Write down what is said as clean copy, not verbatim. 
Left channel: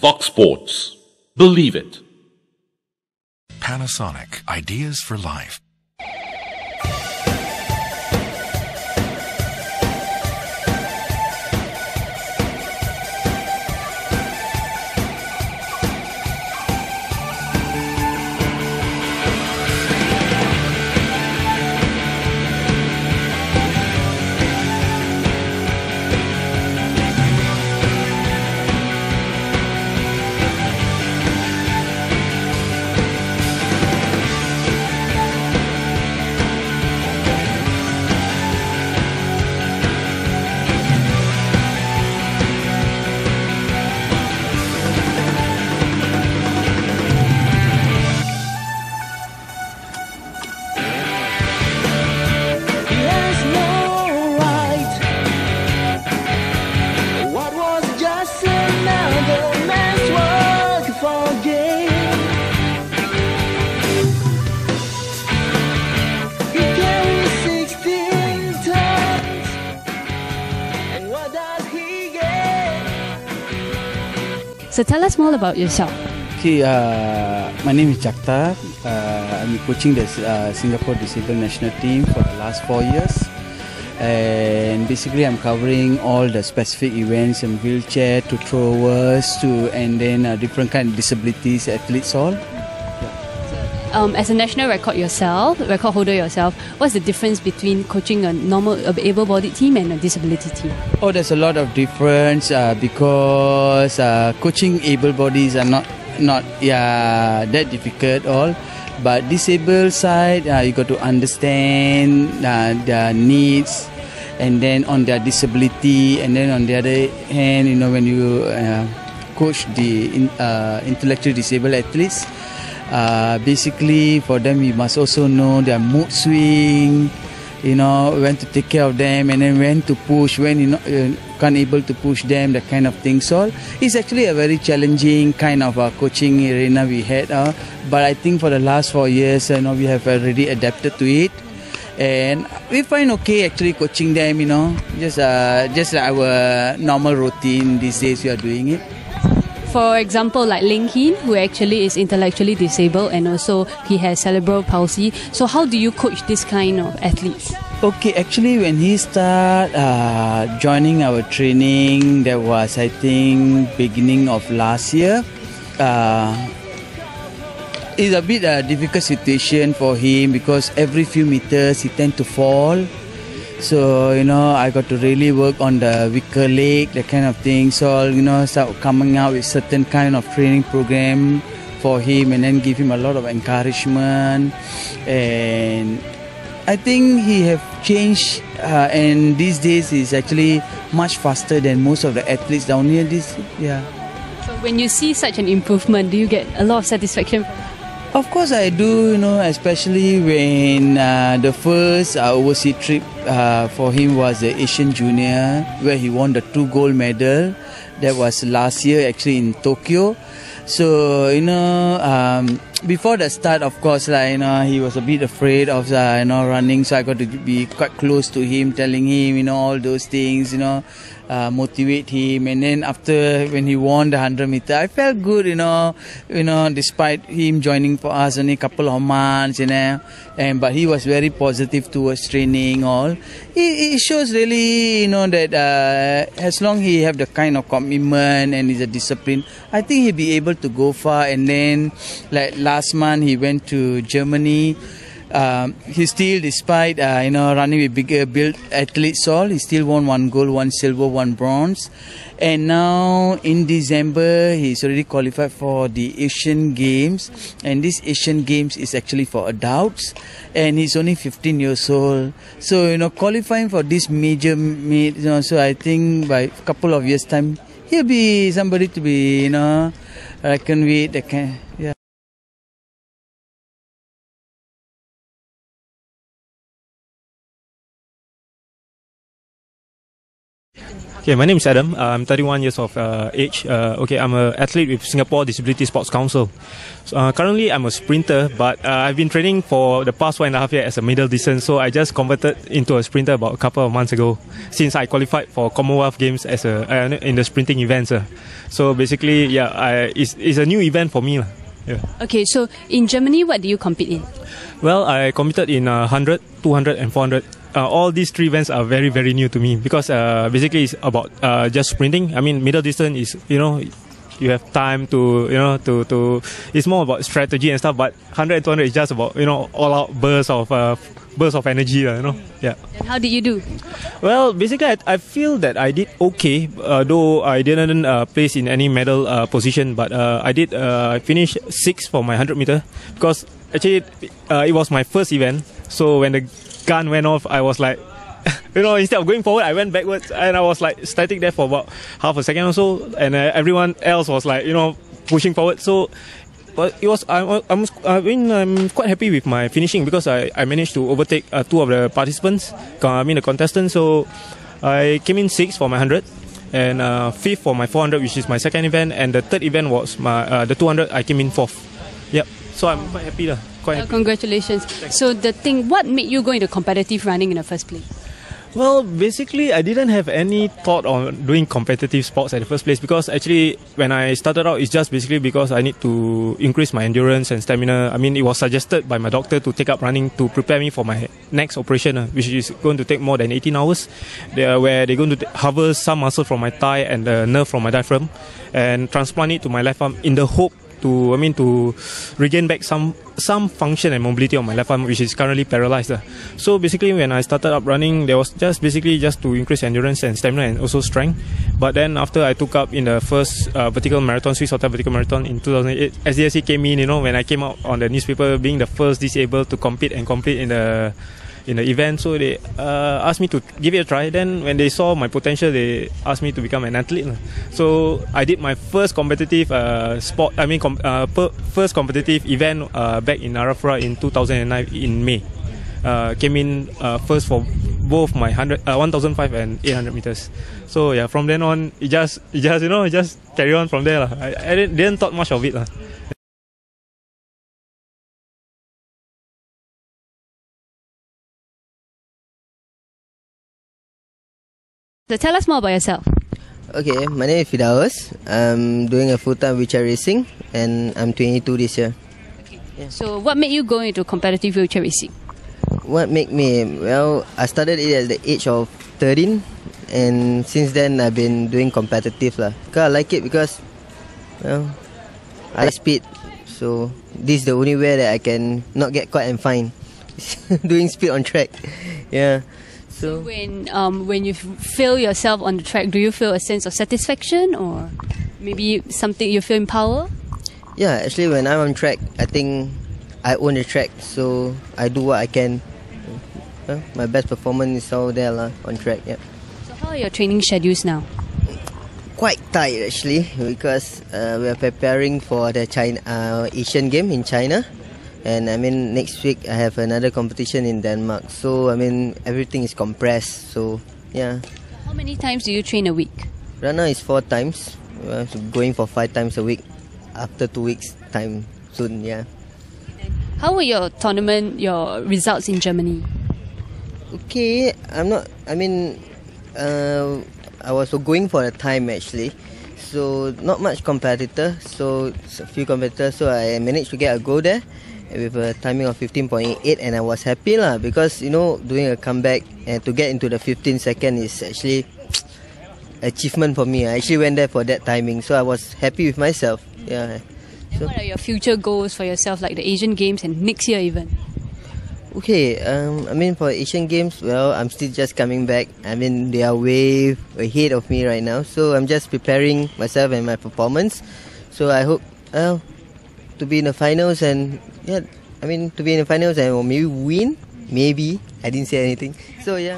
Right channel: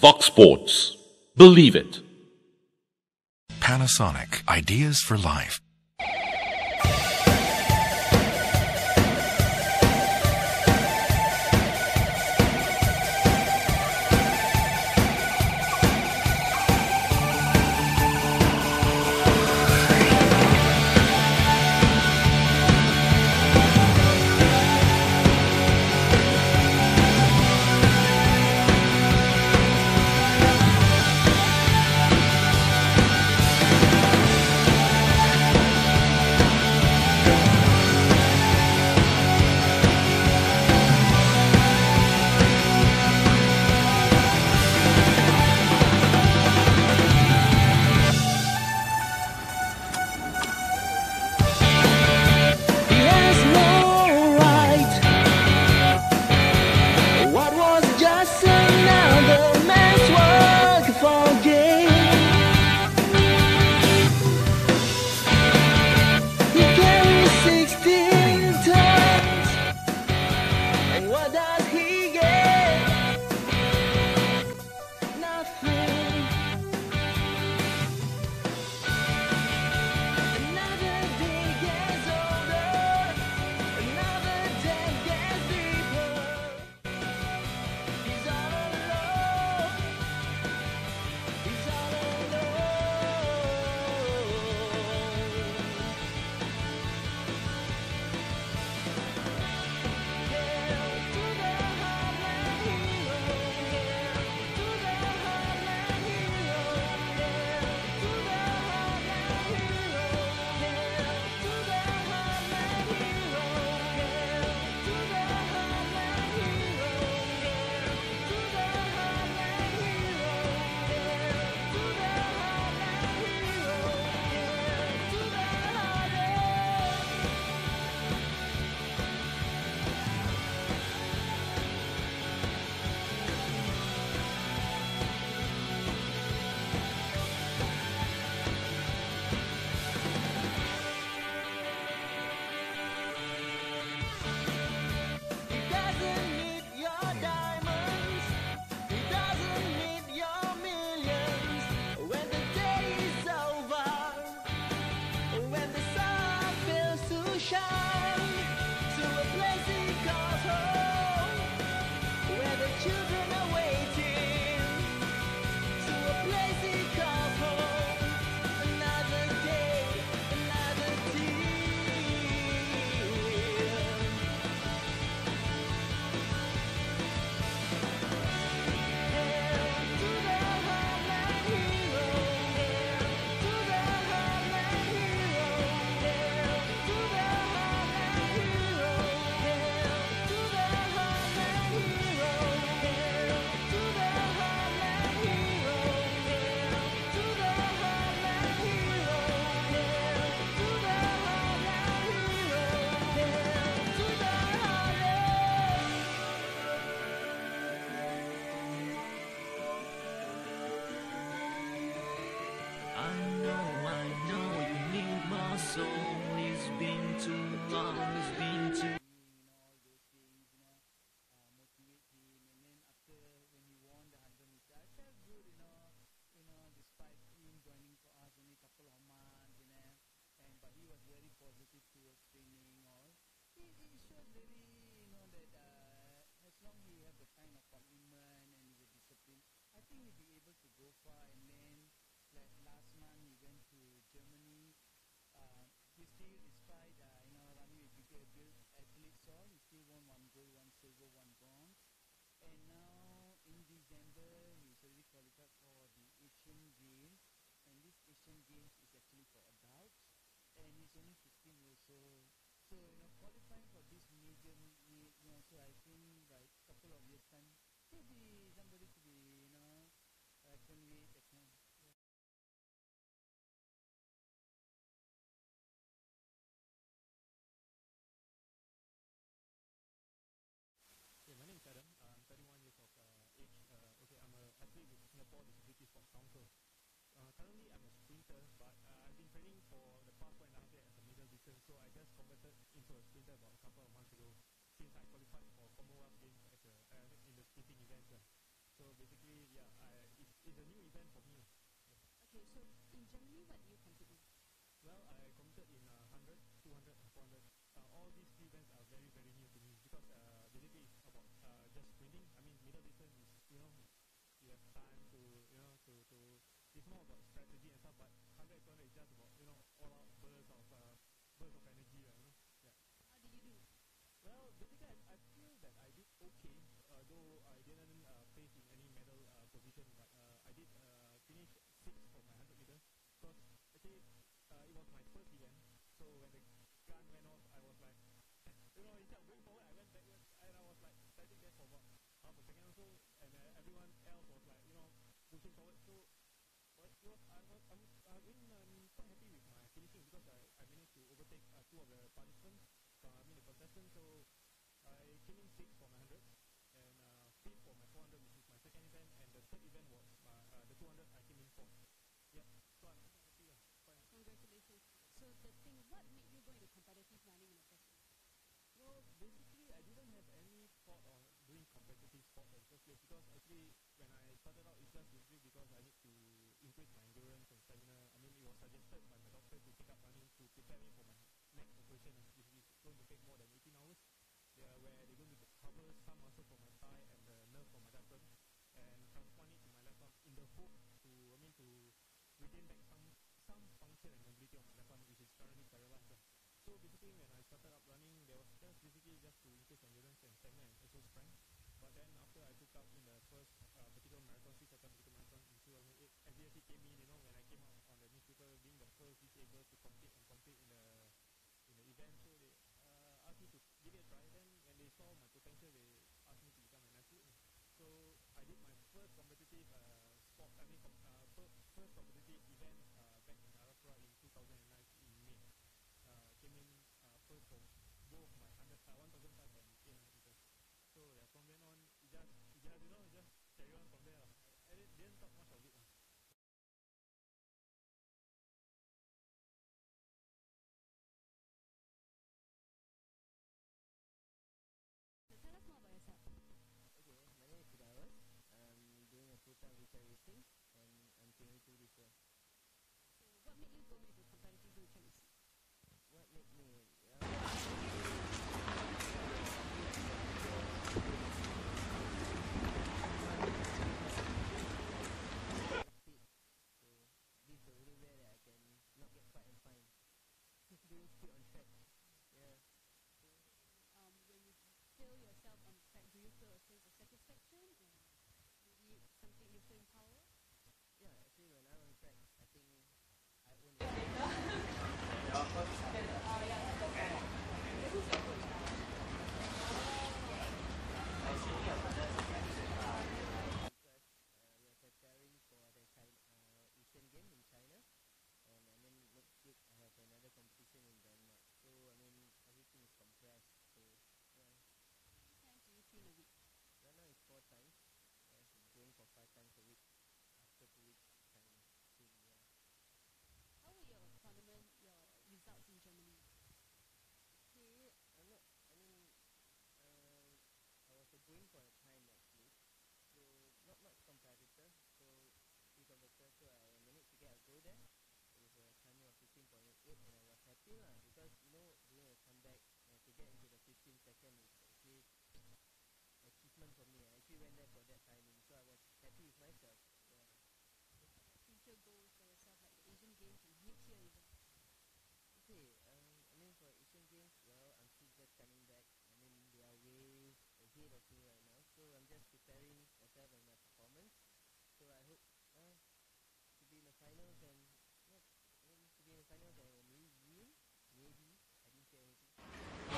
VOXSPORTS. Believe it. Panasonic. Ideas for life. So tell us more about yourself. See, my name is Jacter. I'm coaching the Singapore Disabled National Team for the last 4 years. And basically I'm covering all the specific events from wheelchair to throwers and then different kind of disabilities, athletes all. As a national record holder yourself, what's the difference between coaching a able-bodied team and a disability team? Oh, there's a lot of difference because coaching able-bodies are not that difficult all. But disabled side, you got to understand their needs, and then on their disability, and then on the other hand, when you coach the intellectually disabled athletes, basically for them you must also know their mood swing, when to take care of them, and then when to push, when you're can't able to push them, that kind of thing. So it's actually a very challenging kind of coaching arena we had, but I think for the last 4 years we have already adapted to it, and we find okay actually coaching them, just our normal routine these days we are doing it. For example, like Leng, who actually is intellectually disabled and also he has cerebral palsy. So how do you coach this kind of athletes? Okay, actually when he started joining our training, that was I think beginning of last year. It's a bit difficult situation for him because every few meters he tends to fall. So, I got to really work on the weaker leg, that kind of thing. So, start coming out with certain kind of training program for him and then give him a lot of encouragement. And I think he have changed and these days he's actually much faster than most of the athletes down here. So when you see such an improvement, do you get a lot of satisfaction? Of course I do, especially when the first overseas trip for him was the Asian Junior, where he won the 2 gold medal. That was last year actually in Tokyo. So, before the start, of course, he was a bit afraid of, running. So I got to be quite close to him, telling him, all those things, motivate him. And then after, when he won the 100 meter, I felt good, despite him joining for us only a couple of months, but he was very positive towards training all. It shows really, that as long as he have the kind of commitment and is a discipline, I think he'll be able to go far. And then, like last month, he went to Germany. He still, despite running with bigger built athletes, he still won 1 gold, 1 silver, 1 bronze. And now in December, he's already qualified for the Asian Games. And this Asian Games is actually for adults. And he's only 15 years old. So, qualifying for this major meet, so I think by a couple of years' time, he'll be somebody to be, reckoned with. Yeah. Okay, my name is Adam. I'm 31 years of age. I'm an athlete with Singapore Disability Sports Council. Currently, I'm a sprinter, but I've been training for the past 1.5 years as a middle distance. So I just converted into a sprinter about a couple of months ago, since I qualified for Commonwealth Games as in the sprinting events. So basically, it's a new event for me. Yeah. Okay, so in Germany, what do you compete in? Well, I competed in 100, 200 and 400. All these three events are very, very new to me because basically it's about just sprinting. I mean, middle distance is, you have time to it's more about strategy and stuff, but 100 and 200 is just about, all out bursts of energy, Yeah. And how did you do? Well, basically, I feel that I did okay, though I didn't place in any medal position, but I finished 6th for my 100 meter because actually it was my first event. So when the gun went off, I was like, instead of going forward, I went backwards, and I was like static there for about half a second or so, and everyone else was like, pushing forward. So, but it was I'm quite happy with my finishing because I managed to overtake two of the participants, the contestants. So I came in 6th for my 100 and 5th for my 400, which is my second event, and the third event was my the 200. I came in 4th. Yep. So I'm quite happy lah. Congratulations. So what made you go into competitive running in the first place? Well, basically, I didn't have any thought on doing competitive sports at the first place because actually, when I started out, it's just basically because I need to increase my endurance and stamina. I mean, it was suggested by my doctor to take up running to prepare me for my next operation, which is going to take more than 18 hours, where they're going to harvest some muscle from my thigh and the nerve from my diaphragm and transplant it to my left arm in the hope to regain back some function and mobility on my left arm, which is currently paralyzed. So basically, when I started up running, there was just to increase endurance and stamina and also strength. But then after I took up in the first vertical marathon, Swiss Hotel Vertical Marathon in 2008, SDSC came in, when I came out on the newspaper being the first disabled to compete and complete in the event. So they asked me to give it a try. Then when they saw my potential, they asked me to become an athlete. So I did my first competitive first competitive event back in Arafura in 2009 in May. Came in first for both my 1,005 and 800 meters. So yeah, from then on, it just carry on from there. I didn't thought much of it. So tell us more about yourself. Okay, my name is Firdaus. I'm doing a full-time wheelchair racing and I'm 22 this year. Okay. Yeah. So what made you go into competitive wheelchair racing? What made me? Well, I started it at the age of 13 and since then I've been doing competitive. Because I like it because I like speed. So this is the only way that I can not get caught and fined. Doing speed on track. Yeah. So when you feel yourself on the track, do you feel a sense of satisfaction or maybe something you feel in power? Yeah, actually when I'm on track, I think I own the track, so I do what I can. My best performance is all there on track. Yeah. How are your training schedules now? Quite tight actually because we are preparing for the Asian game in China. And next week I have another competition in Denmark. So everything is compressed. So yeah. How many times do you train a week? Right now it's 4 times. We're going for 5 times a week. After 2 weeks time soon. Yeah. How were your results in Germany? Okay, I was going for a time actually. So not much competitor. So a few competitors. So I managed to get a go there with a timing of 15.8 and I was happy because doing a comeback and to get into the 15 second is actually achievement for me. I actually went there for that timing, so I was happy with myself. Yeah. And what are your future goals for yourself, like the Asian Games and next year even? Okay, for Asian Games, well, I'm still just coming back. They are way ahead of me right now, so I'm just preparing myself and my performance. So I hope to be in the finals and to be in the finals and maybe win. Maybe I didn't say anything. So yeah.